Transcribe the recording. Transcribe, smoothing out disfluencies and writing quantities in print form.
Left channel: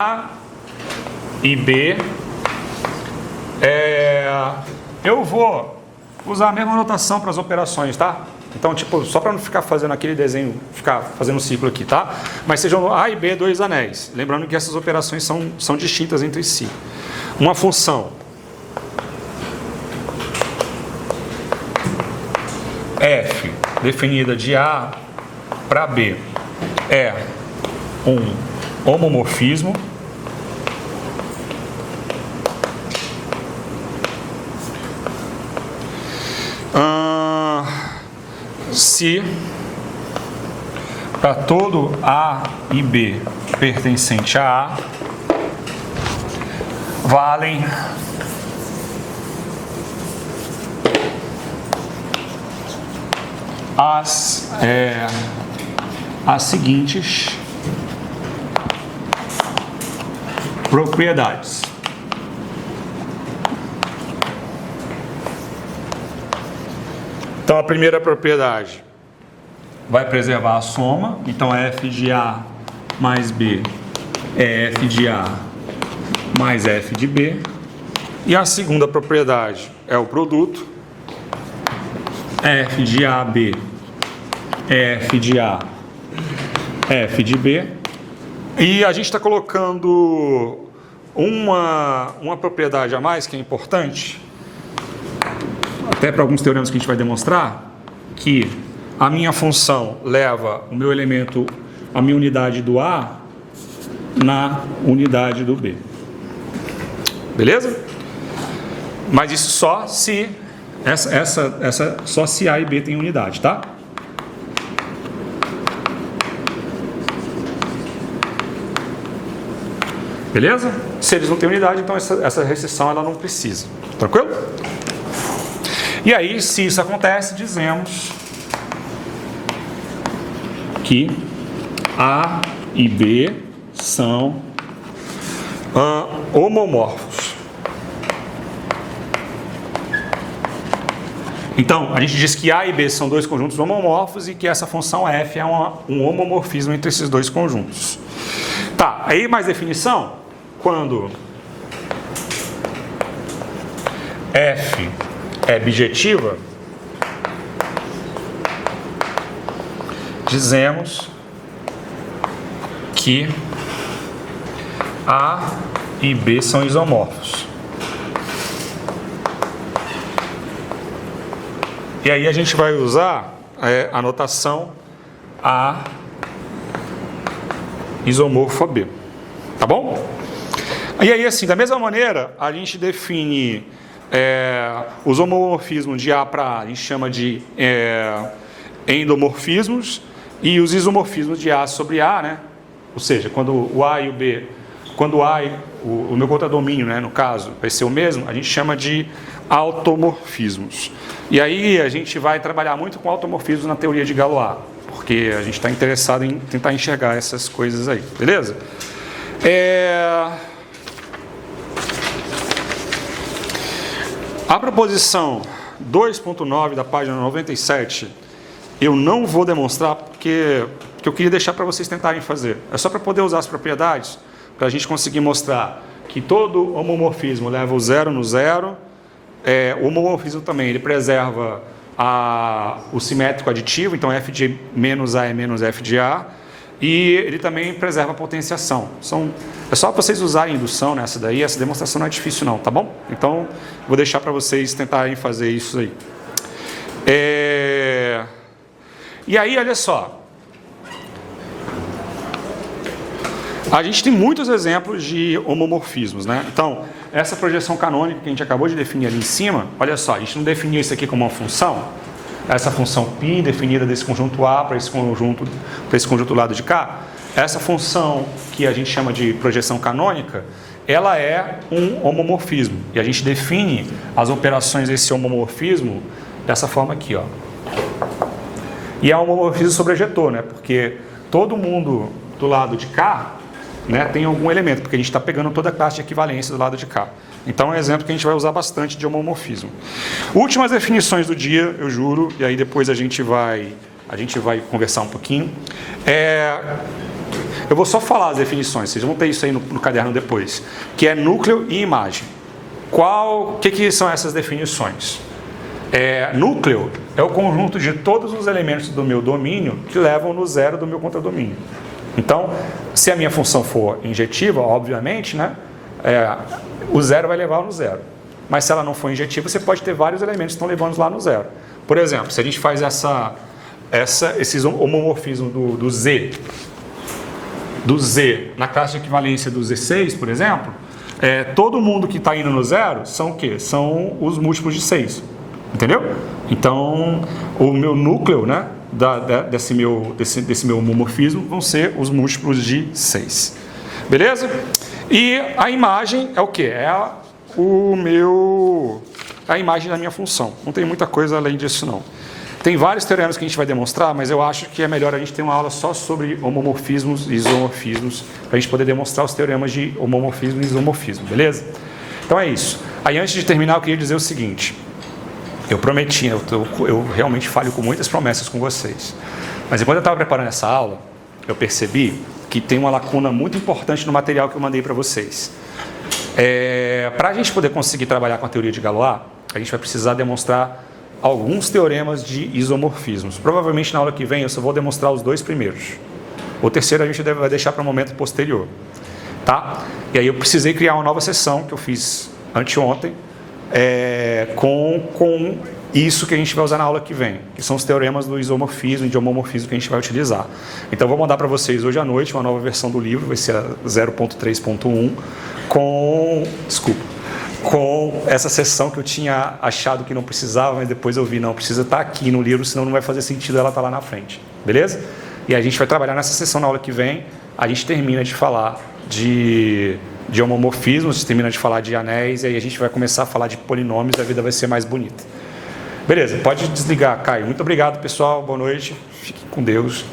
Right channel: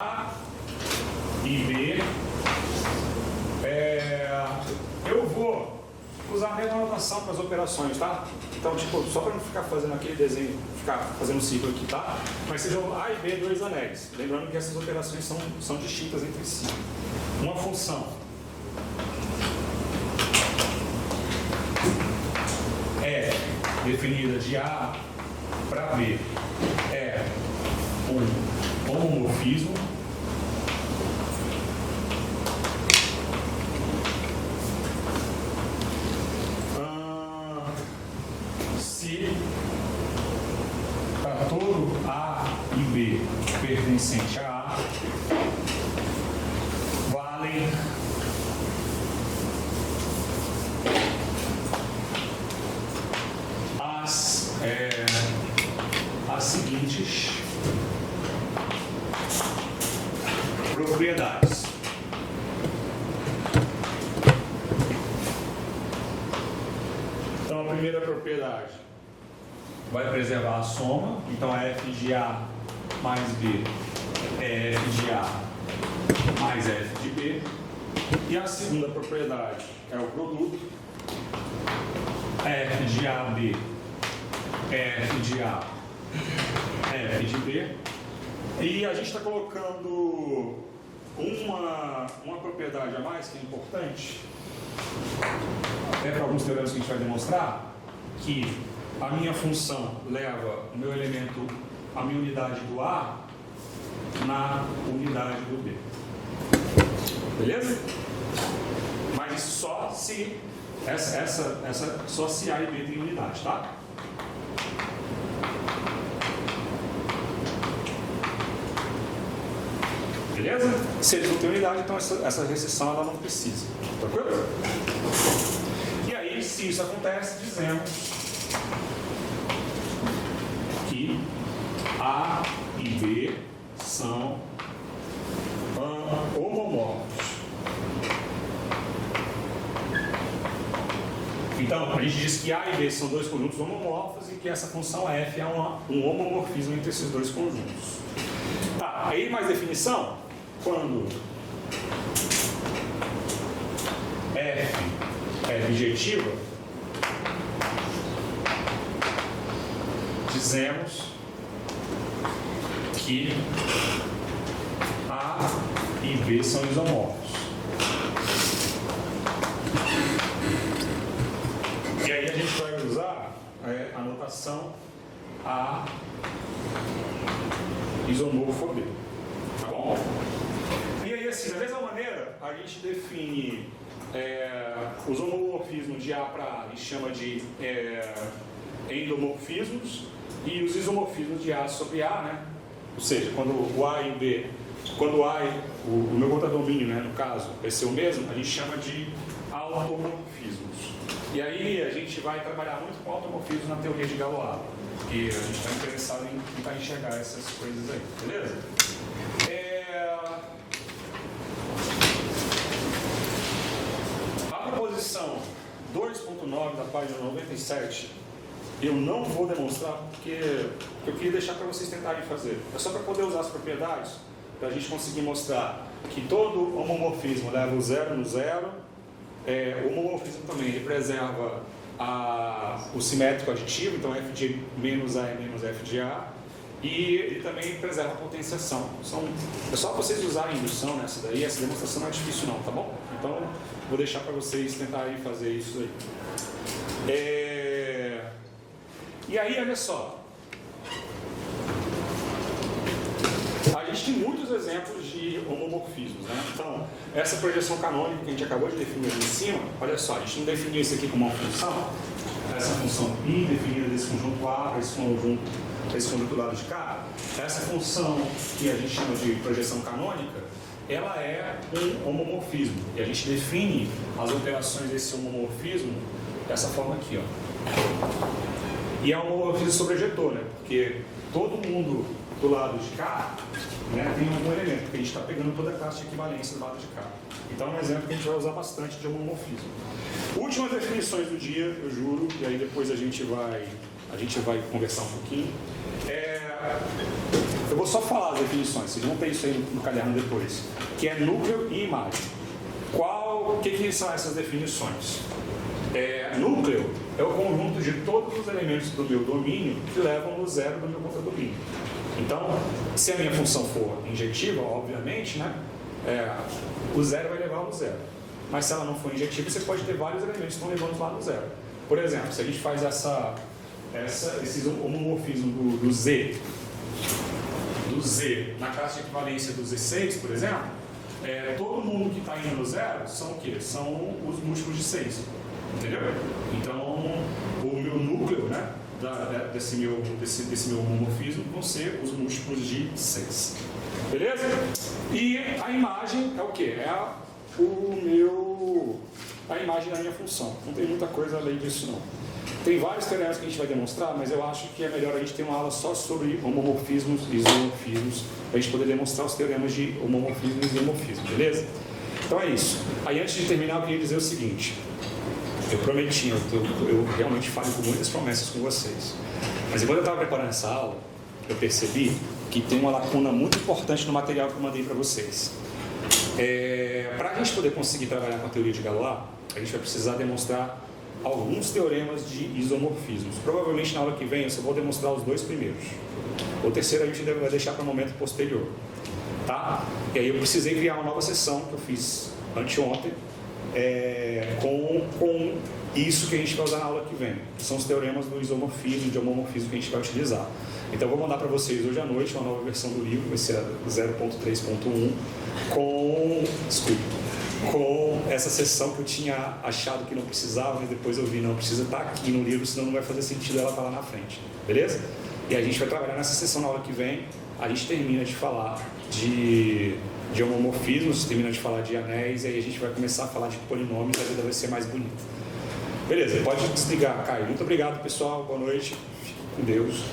A e B, eu vou usar a mesma notação para as operações, tá? Então, tipo, só para não ficar fazendo aquele desenho, ficar fazendo um ciclo aqui, tá? Mas sejam A e B dois anéis. Lembrando que essas operações são distintas entre si. Uma função f definida de A para B é um homomorfismo se para todo A e B pertencente a A valem as seguintes propriedades. Então, a primeira propriedade vai preservar a soma. Então, f de A mais B é f de A mais f de B. E a segunda propriedade é o produto. F de AB é f de A, f de B. E a gente está colocando uma propriedade a mais que é importante, até para alguns teoremas que a gente vai demonstrar, que a minha função leva o meu elemento, a minha unidade do A na unidade do B. Beleza? Mas isso só se só se A e B tem unidade, tá? Beleza? Se eles não têm unidade, então essa restrição ela não precisa. Tranquilo? E aí, se isso acontece, dizemos que A e B são homomorfos. Então, a gente diz que A e B são dois conjuntos homomorfos e que essa função f é um homomorfismo entre esses dois conjuntos. Tá, aí mais definição, quando f é bijetiva, dizemos que A e B são isomorfos. E aí a gente vai usar a notação A isomorfo a B. Tá bom? E aí, assim, da mesma maneira, a gente define os homomorfismos de A para A, a gente chama de endomorfismos, e os isomorfismos de A sobre A, né? Ou seja, quando o A e o B, quando o meu contradomínio, né, no caso, vai ser o mesmo, a gente chama de automorfismos. E aí a gente vai trabalhar muito com automorfismos na teoria de Galois, porque a gente está interessado em tentar enxergar essas coisas aí, beleza? A proposição 2.9 da página 97, eu não vou demonstrar porque eu queria deixar para vocês tentarem fazer. É só para poder usar as propriedades, para a gente conseguir mostrar que todo homomorfismo leva o zero no zero. O homomorfismo também, ele preserva o simétrico aditivo, então f de menos A é menos f de A, e ele também preserva a potenciação. É só para vocês usarem indução nessa daí, essa demonstração não é difícil não, tá bom? Então, vou deixar para vocês tentarem fazer isso aí. E aí, olha só. A gente tem muitos exemplos de homomorfismos, né? Então, essa projeção canônica que a gente acabou de definir ali em cima, olha só, a gente não definiu isso aqui como uma função? Essa função π definida desse conjunto A para esse conjunto do lado de cá, essa função que a gente chama de projeção canônica, ela é um homomorfismo. E a gente define as operações desse homomorfismo dessa forma aqui, ó. E é um homomorfismo sobrejetor, né? Porque todo mundo do lado de cá, né, tem algum elemento, porque a gente está pegando toda a classe de equivalência do lado de cá. Então, é um exemplo que a gente vai usar bastante de homomorfismo. Últimas definições do dia, eu juro, e aí depois a gente vai conversar um pouquinho. Eu vou só falar as definições, vocês vão ter isso aí no caderno depois, que é núcleo e imagem. O que são essas definições? Núcleo é o conjunto de todos os elementos do meu domínio que levam no zero do meu contradomínio. Então, se a minha função for injetiva, obviamente, né, o zero vai levar no zero. Mas se ela não for injetiva, você pode ter vários elementos que estão levando lá no zero. Por exemplo, se a gente faz esses homomorfismos do Z na classe de equivalência do Z6, por exemplo, todo mundo que está indo no zero são o quê? São os múltiplos de 6. Entendeu? Então, o meu núcleo, né, desse meu homomorfismo vão ser os múltiplos de 6. Beleza? E a imagem é o quê? A imagem da minha função. Não tem muita coisa além disso, não. Tem vários teoremas que a gente vai demonstrar, mas eu acho que é melhor a gente ter uma aula só sobre homomorfismos e isomorfismos, para a gente poder demonstrar os teoremas de homomorfismo e isomorfismo, beleza? Então é isso. Aí, antes de terminar, eu queria dizer o seguinte. Eu prometi, eu realmente falho com muitas promessas com vocês. Mas enquanto eu estava preparando essa aula, eu percebi que tem uma lacuna muito importante no material que eu mandei para vocês. Para a gente poder conseguir trabalhar com a teoria de Galois, a gente vai precisar demonstrar alguns teoremas de isomorfismos. Provavelmente na aula que vem eu só vou demonstrar os 2 primeiros. O terceiro a gente vai deixar para um momento posterior. Tá? E aí eu precisei criar uma nova sessão que eu fiz anteontem, com isso que a gente vai usar na aula que vem, que são os teoremas do isomorfismo e de homomorfismo que a gente vai utilizar. Então eu vou mandar para vocês hoje à noite uma nova versão do livro, vai ser a 0.3.1, com essa sessão que eu tinha achado que não precisava, mas depois eu vi, não, precisa estar aqui no livro, senão não vai fazer sentido ela estar lá na frente, beleza? E a gente vai trabalhar nessa sessão na aula que vem, a gente termina de falar de homomorfismos, termina de falar de anéis, e aí a gente vai começar a falar de polinômios e a vida vai ser mais bonita. Beleza, pode desligar, Caio. Muito obrigado, pessoal, boa noite, fiquem com Deus.